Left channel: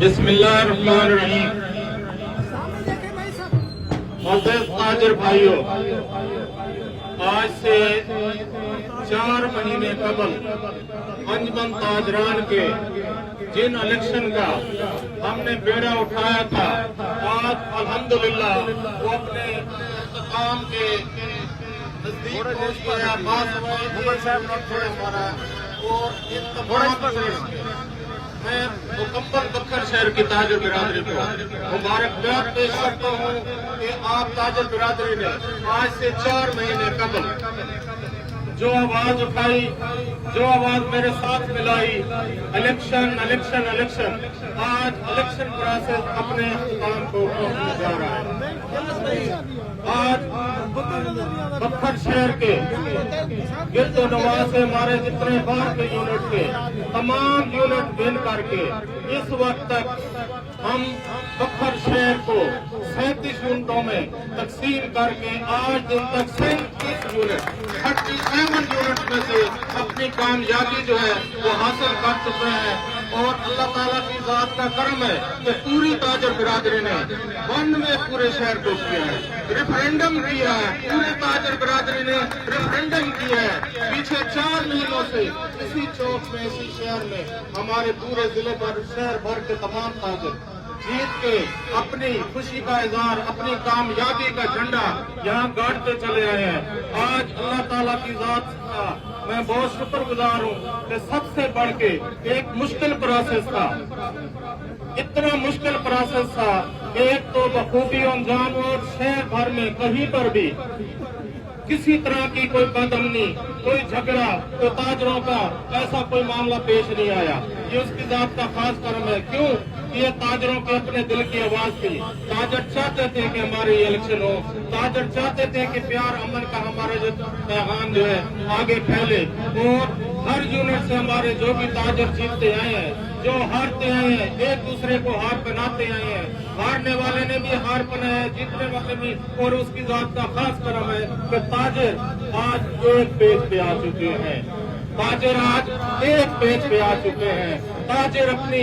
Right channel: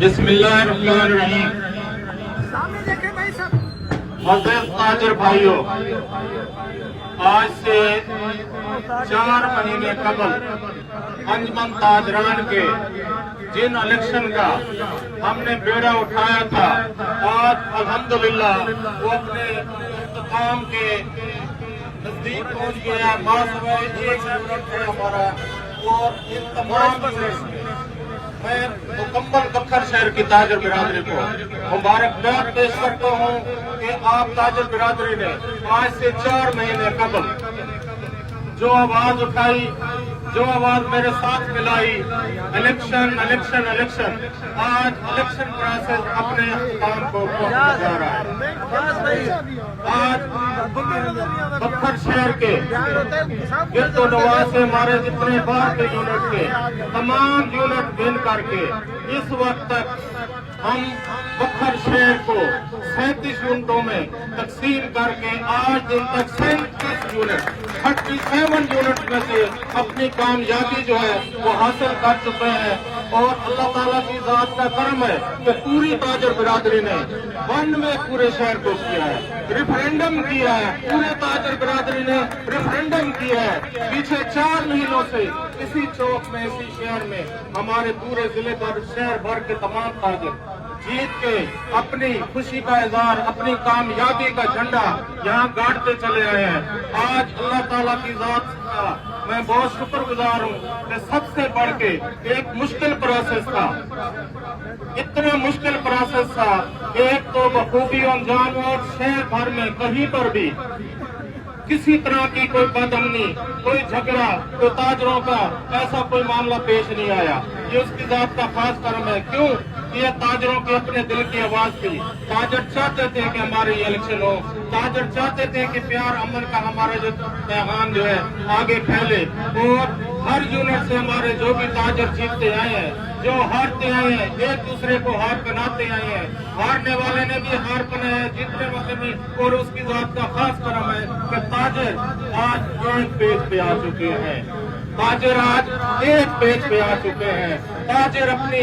बिस्मिल्लाहिर्रहमानिर्रहीम। मुअज़्ज़िज़ ताजिर भाइयों, आज से 4 महीने कबल अंजुमन ताजरान के जिन इलेक्शन का हमने बेड़ा उठाया था, आज अल्हम्दुलिल्लाह वो अपने इख्तिताम के नजदीक पहुंच गया। और इन तमाम मैं मुकम्मल बखर शहर की ताजर बिरादरी को मुबारकबाद पेश करता हूँ कि आप ताजर बिरादरी ने आज से 4 महीने कबल जो आवाज उठाई, जो आवाज मेरे साथ मिलाई, इलेक्शन इलेक्शन इलेक्शन, आज इलेक्शन प्रोसेस अपने काम को पहुंचने जा रहा है। आज बखर शहर के गिरदो नवाज से हमारे जितने बाहर के यूनिट के तमाम यूनिट विन करके इस वक्त तक हम बखर शहर को 37 यूनिटों में तकसीम करके आज दिन तक 37 यूनिट 37 यूनिट में से अपनी कामयाबी जो है वो हासिल कर चुके हैं। और अल्लाह ताला की जात का करम है कि पूरी ताजर बिरादरी ने वन में पूरे शहर को किया है, रेफरेंडम किया है, पूरे ताजर बिरादरी ने रेफरेंडम किया है। पीछे 4 महीनों से इसी चौक में, इसी शहर में हमारे पूरे जिले भर शहर भर के तमाम ताजर जीत के अपनी खुशी का इजहार, अपनी कामयाबी का झंडा यहाँ गाड़ते चले रहे हैं। आज अल्लाह ताला की जात का मैं बहुत शुक्रगुजार हूँ कि सबसे बढ़ के एक मुश्किल प्रोसेस था, इतना मुश्किल प्रोसेस था, एक तो बखूबी अंजाम और शहर भर में कहीं पर भी किसी तरह की कोई बदअमनी, कोई झगड़ा, कोई ताजरों का ऐसा कोई मामला पेश नहीं आया। ये उसकी जात का खास कर्म है। क्यों? ये ताजरों के अपने दिल की आवाज थी। ताजर चाहते थे कि हमारे ये इलेक्शन हो, ताजर चाहते थे कि प्यार अमन का हमारा जो पैगाम जो है आगे फैले। और हर यूनिट से हमारे जो भी ताजर जीतते आए हैं, जो हारते आए हैं, एक दूसरे को हार बनाते आए हैं। हारने वाले ने भी हार बनाया, जीतने वाले भी। और उसकी जात का खास कर्म है कि ताजर आज एक पेज पे आ चुके हैं। ताजर आज एक पेज पे आ चुके हैं। ताजर अपनी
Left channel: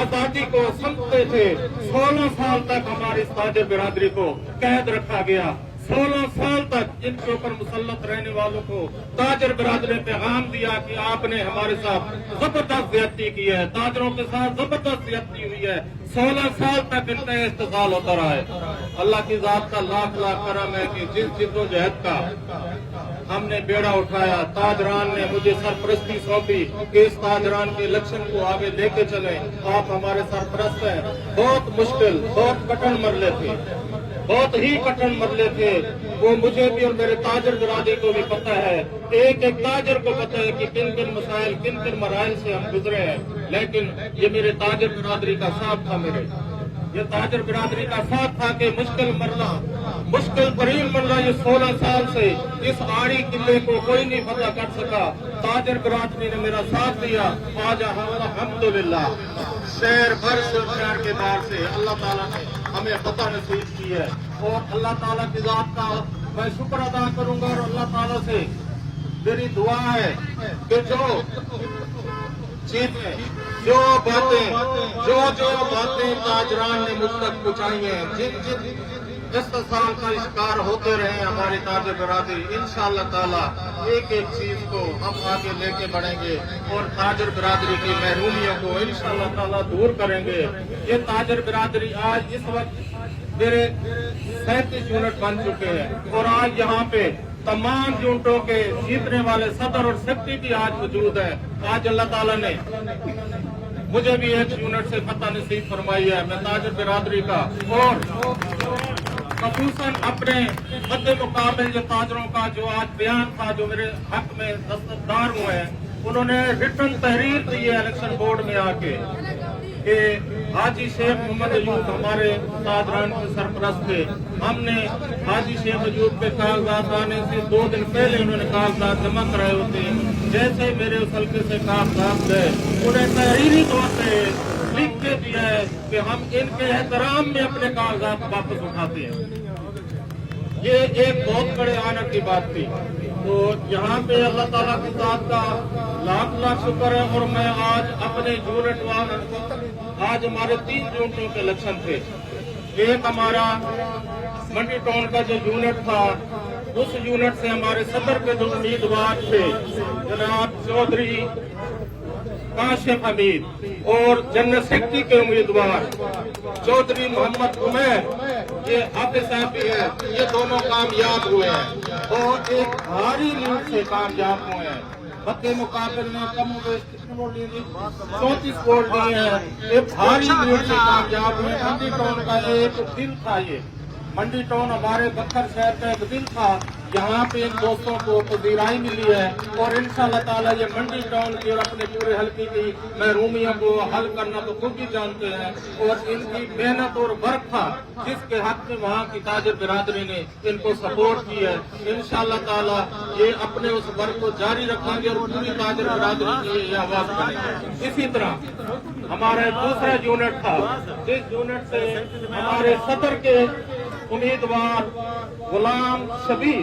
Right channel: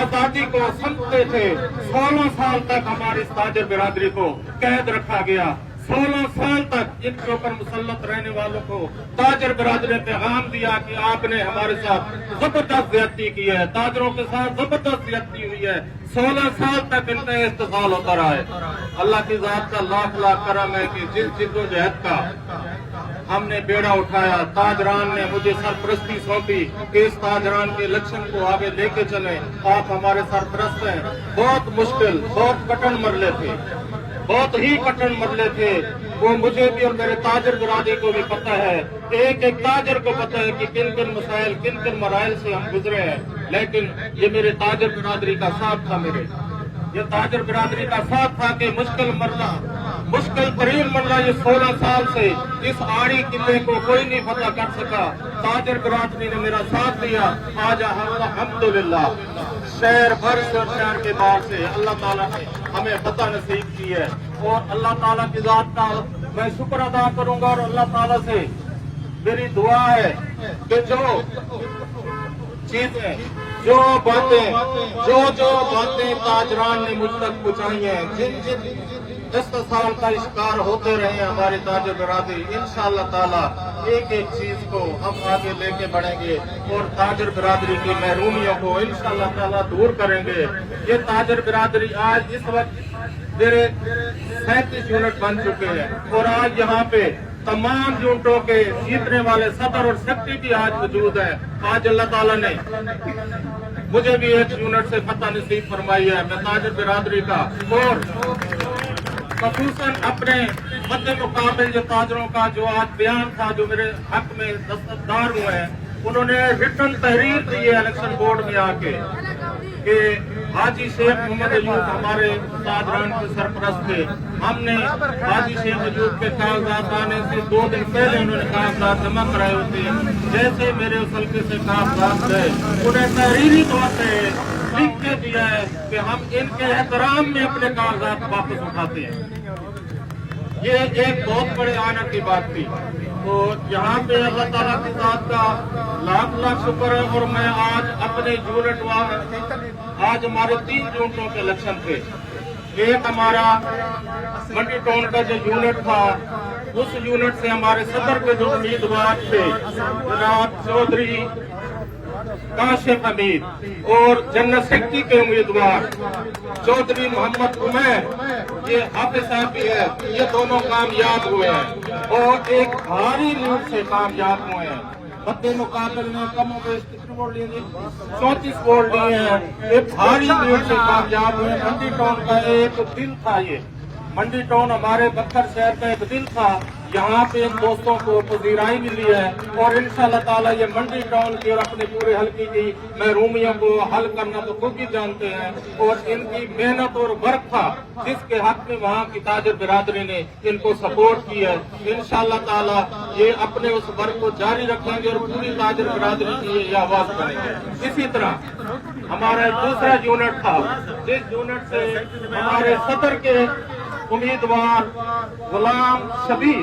आजादी को समझते थे। 16 साल तक हमारी ताजर बिरादरी को कैद रखा गया। 16 साल तक इनके ऊपर मुसल्लत रहने वालों को ताजर बिरादरी ने पैगाम दिया कि आपने हमारे साथ जबरदस्त ज्यादती की है, ताजरों के साथ जबरदस्त ज्यादती हुई है। 16 साल तक इनका इस्तेमाल होता रहा है। अल्लाह की जात का लाख लाख करम है कि जिस जिद्दोजहद का हमने बेड़ा उठाया, ताजरान ने मुझे सरपरस्ती सौंपी कि इस ताजरान के इलेक्शन को आगे लेके चले। आप हमारे सरपरस्त हैं। बहुत मुश्किल, बहुत कठिन मरले थे, बहुत ही कठिन मरले थे। वो मुझे भी और मेरे ताजर बिरादरी को भी पता है, एक एक ताजर को पता है कि किन किन मसाइल, किन किन मराइल से हम गुजरे हैं। लेकिन ये मेरे ताजर बिरादरी का साथ था, ये ताजर बिरादरी का साथ था कि मुश्किल मरना, मुश्किल तरीन मरना ये 16 साल से इस आड़ी किले को कोई नहीं पता कर सका। ताजर बिरादरी ने मेरा साथ दिया। आज अल्हम्दुलिल्लाह शहर भर शहर के बाहर से अल्लाह ताला ने हमें पता नसीब की है। और अल्लाह ताला की जात का मैं शुक्र अदा करूंगा। और अल्लाह ताला से मेरी दुआ है कि जो चीजें, जो बातें ताजरान ने मुझ तक पहुंचाई हैं, जिन जिन इस्तेसाल का शिकार होते रहे हमारे ताजर बिरादरी, इंशाअल्लाह ताला एक एक चीज को हम आगे लेके बढ़ेंगे और ताजर बिरादरी की महरूमियों को इंशाअल्लाह ताला दूर करेंगे। ये ताजर बिरादरी आज इस वक्त मेरे 37 यूनिट बन चुके हैं। और आज यहाँ पे तमाम यूनिटों के जीतने वाले सदर और सेक्रेटरी आज मौजूद है। आज अल्लाह ताला ने मुझे भी एक यूनिट से फतह नसीब फरमाई है, मैं ताजर बिरादरी का। और खसूसन अपने मद्दे मुकाबिल जो ताजरों का जो आज बयान था, जो मेरे हक में दस्तरदार हुए हैं, उन्होंने रिटन तहरीर दी है इलेक्शन बोर्ड में आके कि हाजी शेख मोहम्मद अयूब हमारे ताजरान के सरपरस्त थे। हमने हाजी शेख अयूब के कागजात आने से 2 दिन पहले उन्होंने कागजात जमा कराए होते हैं। जैसे मेरे उस हल्के से कागजात गए, उन्हें तहरीरी तौर पर लिख के दिया है कि हम इनके एहतराम में अपने कागजात वापस उठाते हैं। ये एक बहुत बड़े आनंद की बात थी। तो यहाँ पे अल्लाह ताला की जात का लाख लाख शुक्र है। और मैं आज अपने यूनिट आज हमारे 3 यूनिटों के इलेक्शन थे। एक हमारा मंडी टाउन का जो यूनिट था, उस यूनिट से हमारे सदर के जो उम्मीदवार थे जनाब चौधरी काशिफ हमीद और जनरल सेक्रेटरी के उम्मीदवार चौधरी मोहम्मद उमैर, ये हाफिज साहब भी हैं, ये दोनों कामयाब हुए हैं और एक भारी लीड से कामयाब हुए हैं। मध्य मुकाबले में कम 34 वोट लिए हैं। एक भारी लीड से कामयाब हुए। मंडी टाउन का एक दिल था, ये मंडी टाउन हमारे बक्कर शहर का एक दिल था। यहाँ पे इन दोस्तों को पजीराई मिली है और इंशाअल्लाह ताला ये मंडी टाउन की और अपने पूरे हल्के की महरूमियों को हल करना तो खुद ही जानते हैं। और इनकी मेहनत और वर्क था जिसके हक में वहाँ की ताजिर बिरादरी ने इनको सपोर्ट की है। इंशाअल्लाह ताला ये अपने उस वर्क को जारी रखेंगे और पूरी ताजिर बिरादरी की ये आवाज करेंगे। इसी तरह हमारा दूसरा यूनिट था, जिस यूनिट से हमारे सदर के उम्मीदवार गुलाम शबीर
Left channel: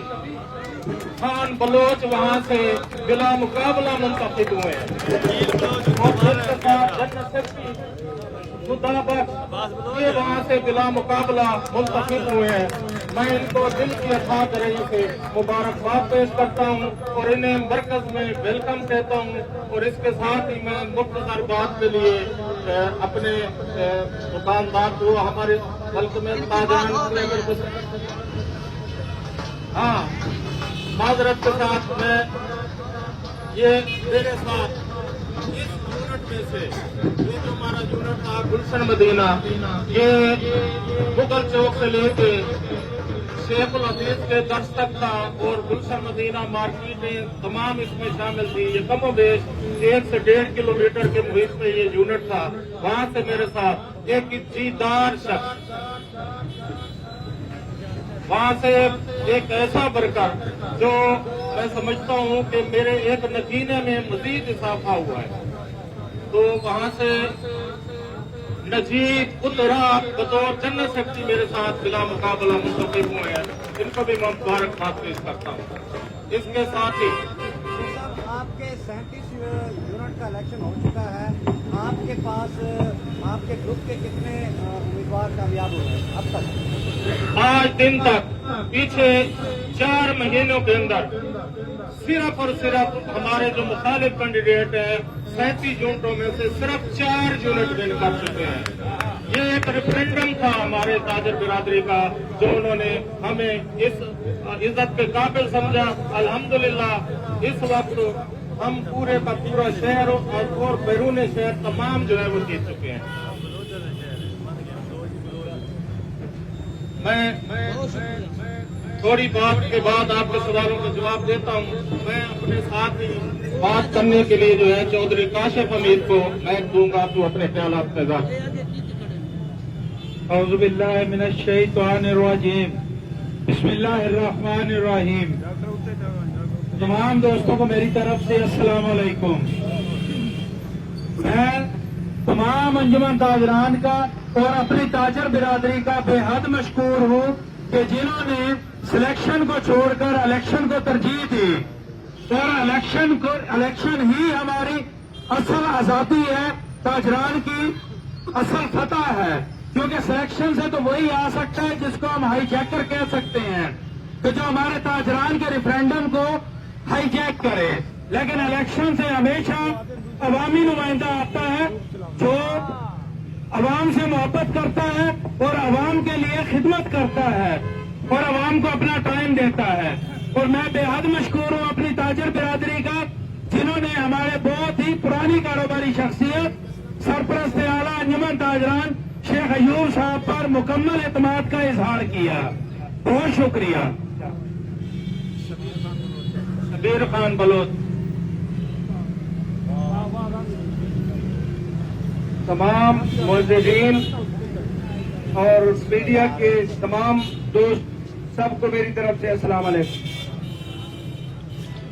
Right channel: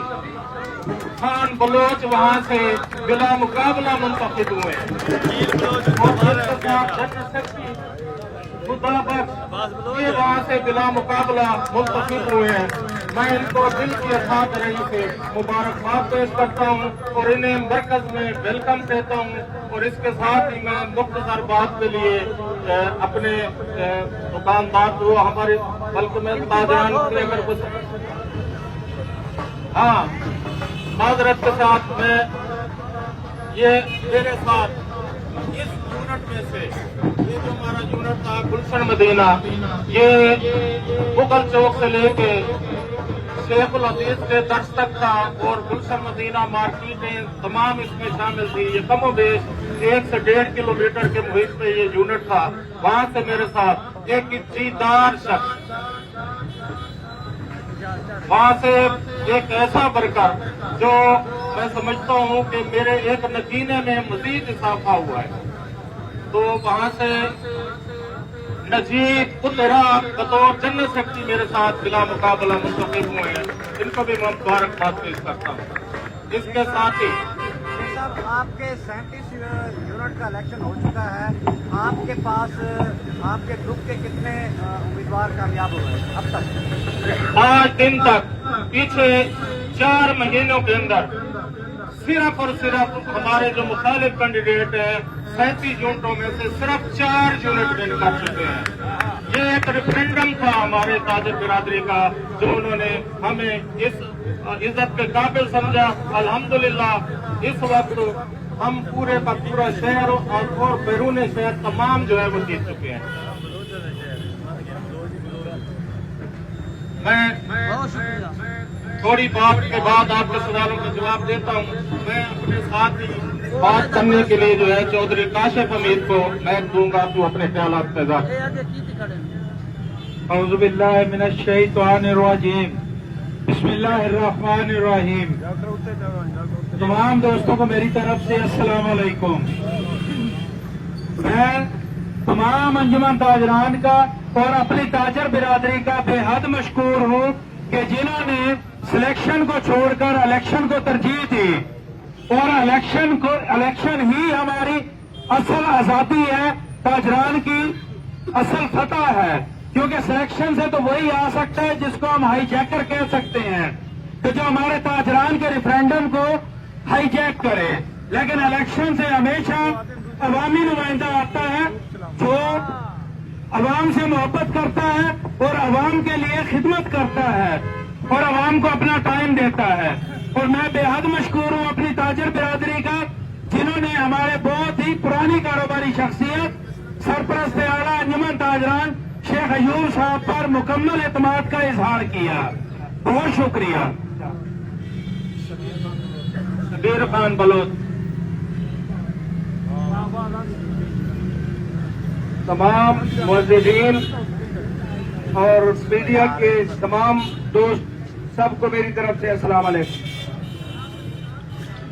खान बलोच वहाँ से बिला मुकाबला मुंतखब हुए हैं। वहाँ से बिला मुकाबला मुंतखब हुए हैं। मैं इनको दिल की असादरी से मुबारकबाद पेश करता हूँ और इन्हें मरकज में वेलकम कहता हूँ। और इसके साथ ही मैं मुख्तसर बात के लिए अपने दुकानदार जो हमारे हल्के में हाँ माजरत के साथ मैं ये मेरे साथ इस यूनिट में से ये जो हमारा यूनिट था गुलशन मदीना, ये मुगल चौक से लेके शेखुल हदीस के दर्श तक था और गुलशन मदीना मार्केटें तमाम इसमें शामिल थी। ये कमो बेश 1 से 1.5 किलोमीटर के मुहित में ये यूनिट था। वहाँ से मेरे साथ एक इज्जतदार शख्स, वहाँ से एक ऐसा वर्कर जो मैं समझता हूँ कि मेरे एक नगीने में मजीद इजाफा हुआ है, तो वहाँ से नजीब उतरा बतौर जनरल सेक्रेटरी मेरे साथ बिला मुकाबला मुंतखब हुए हैं। इनको भी मैं मुबारकबाद पेश करता हूँ। इसके साथ ही आपके 37 यूनिट का इलेक्शन हो चुका है। आपके पास आपके ग्रुप के कितने उम्मीदवार कामयाब हुए हैं अब तक? आज दिन तक पीछे 4 महीनों के अंदर सिर्फ और सिर्फ हमारे जो मुखालिफ कैंडिडेट हैं 37 यूनिटों में से सिर्फ 4 यूनिट विन कर चुके हैं। ये एक रेफरेंडम था हमारे ताजिर बिरादरी का, जो उन्होंने हमें इस इज्जत के काबिल समझा। अल्हम्दुलिल्लाह इस वक्त हम पूरे का पूरा शहर और बैरून शहर तमाम जो है वो जीत चुके हैं। मैं थोड़ी बात के बाद आपके सवालों के जवाब देता हूँ। मैं अपने साथ ही बात करने के लिए जो है चौधरी काशिफ हमीद को मैं दूंगा, तो अपने ख्यालात पैदा। औज़ु बिल्लाहि मिनश शैतानिर रजीम, बिस्मिल्लाहिर्रहमानिर रहीम। तमाम दोस्तों को मेरी तरफ से अस्सलाम वालेकुम। मैं तमाम अंजुमन ताजरान का और अपनी ताजर बिरादरी का बेहद मशकूर हूँ कि जिन्होंने सिलेक्शन को छोड़कर इलेक्शन को तरजीह दी। और इलेक्शन ही हमारी असल आजादी है, ताजरान की असल फतह है। क्योंकि सिलेक्शन से तो वही आ सकता है जिसको हम हाईजैकर कह सकते हैं, कि जो हमारे ताजरान के रेफरेंडम को हाईजैक करे। लेकिन इलेक्शन से हमेशा अवामी नुमाइंदा आता है जो अवाम से मोहब्बत करता है और अवाम के लिए खिदमत करता है और अवाम को अपना टाइम देता है। और मैं बेहद मशकूर हूँ अपनी ताजिर बिरादरी का, जिन्होंने हमारे बहुत ही पुरानी कारोबारी शख्सियत सरपरस्त आला अंजुमन ताजरान शेख अयूब साहब पर मुकम्मल एतमाद का इजहार किया। बहुत शुक्रिया। शबीर खान बलोच, तमाम मौजूदीन और मीडिया के तमाम दोस्त सबको मेरी तरफ से अस्सलाम वालेकुम।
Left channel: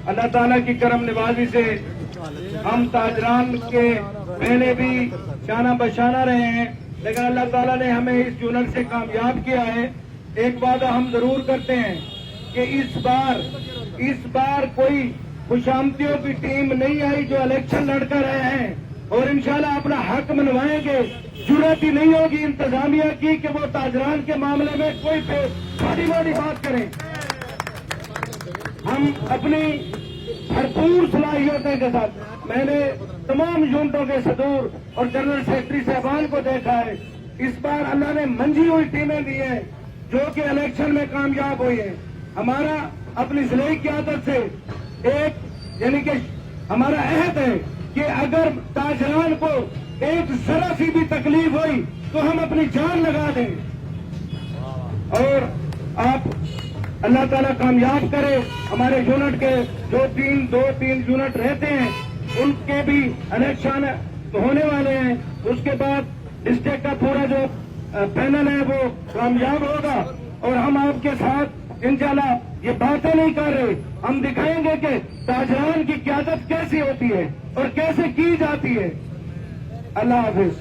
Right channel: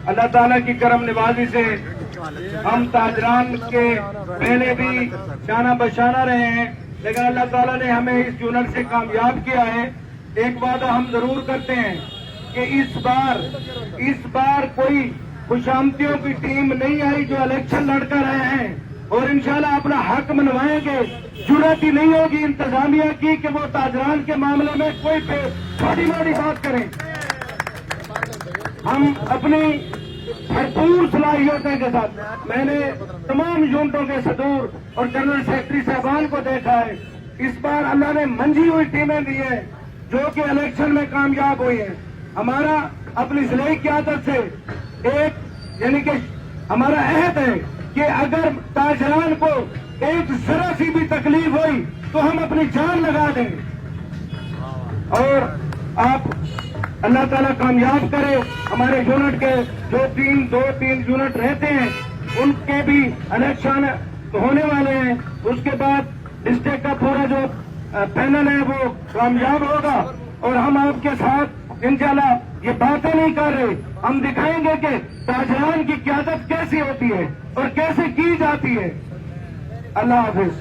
अल्लाह ताला की करम निवाजी से हम ताजरान के पहले भी शाना बशाना रहे हैं, लेकिन अल्लाह ताला ने हमें इस यूनिट से कामयाब किया है। एक बात हम जरूर करते हैं कि इस बार कोई खुशामतियों की टीम नहीं आई जो इलेक्शन लड़कर आए हैं और इंशाल्लाह अपना हक मनवाएंगे। जरूरत ही नहीं होगी इंतजामिया की कि वो ताजरान के मामले में कोई छोटी मोटी बात करें। हम अपनी भरपूर सलाहियतों के साथ, मैंने तमाम यूनिटों के सदूर और जनरल सेक्रेटरी साहबान को देखा है। इस बार अल्लाह ने मंजी हुई टीमें दी हैं जो कि इलेक्शन में कामयाब हुई हैं। हमारा अपनी जिले की आदत से एक यानी कि हमारा अहद है कि अगर ताजरान को एक जरा सी भी तकलीफ हुई तो हम अपनी जान लगा दें। और आप अल्लाह ताला कामयाब करे। हमारे यूनिट के दो तीन यूनिट रहते हैं, उनके भी इलेक्शन होने वाले हैं। उसके बाद डिस्ट्रिक्ट का पूरा जो पैनल है वो कामयाब होगा और हम आपके साथ इंशाल्लाह ये बातें नहीं कर रहे, हम दिखाएंगे कि ताजरान की क़यादत कैसी होती है और कैसे की जाती है। अल्लाह हाफिज।